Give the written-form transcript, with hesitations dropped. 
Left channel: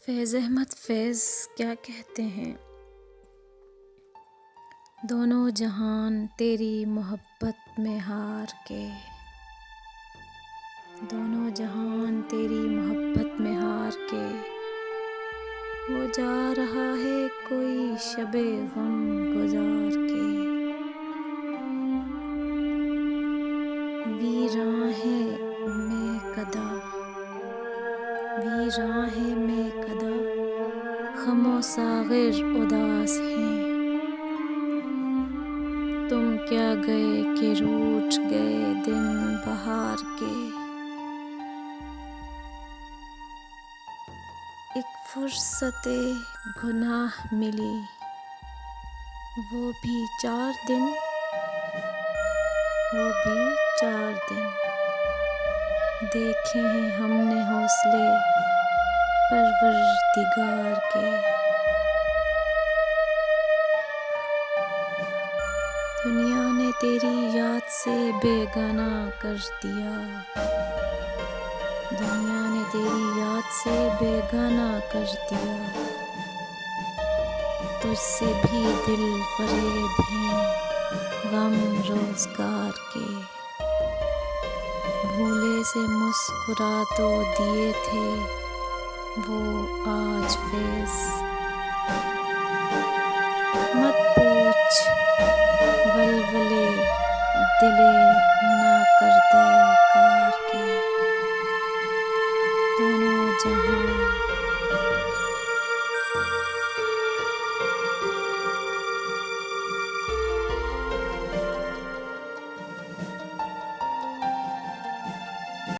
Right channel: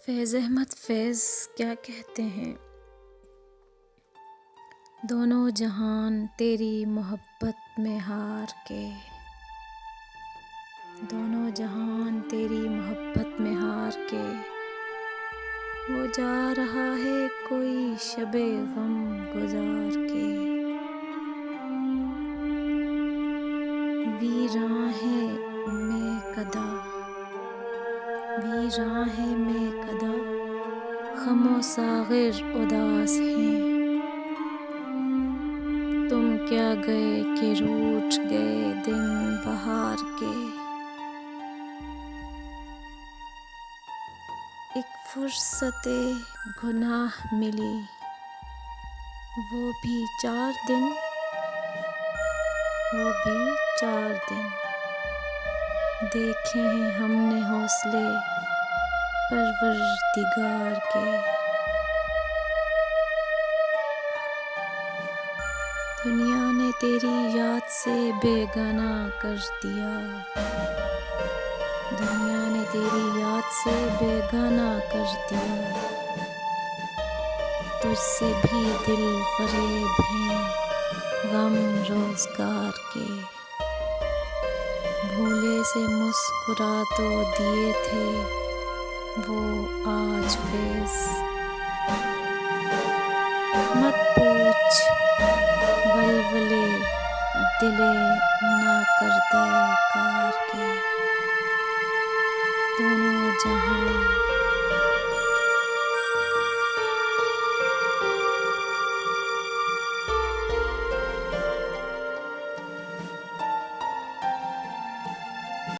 फैज़ अहमद फैज़ क्या कहते हैं? दोनों जहान तेरी मोहब्बत में हार के, दोनों जहान तेरी मोहब्बत में हार के, वो जा रहा है कोई शबे गम गुजार के। वीरां है मैं कदा, वीरां है मैं कदा, ख़मो साग़िर उदास हैं। तुम क्या गए कि रूठ गए दिन बहार के। एक फुर्सते गुनाह मिली, वो भी 4 दिन, वो भी 4 दिन। देखे हैं हमने हौसले परवरदिगार के। दुनिया ने तेरी याद से बेगाना कर दिया, दुनिया ने तेरी याद से बेगाना कर दिया। तुझसे भी दिल फरेब हैं गम रोज़गार के। भूले से मुस्कुरा तो दिए थे वो आज फैज़, मत पूछ वल्वले दिले ना करते कार के। दोनों जहां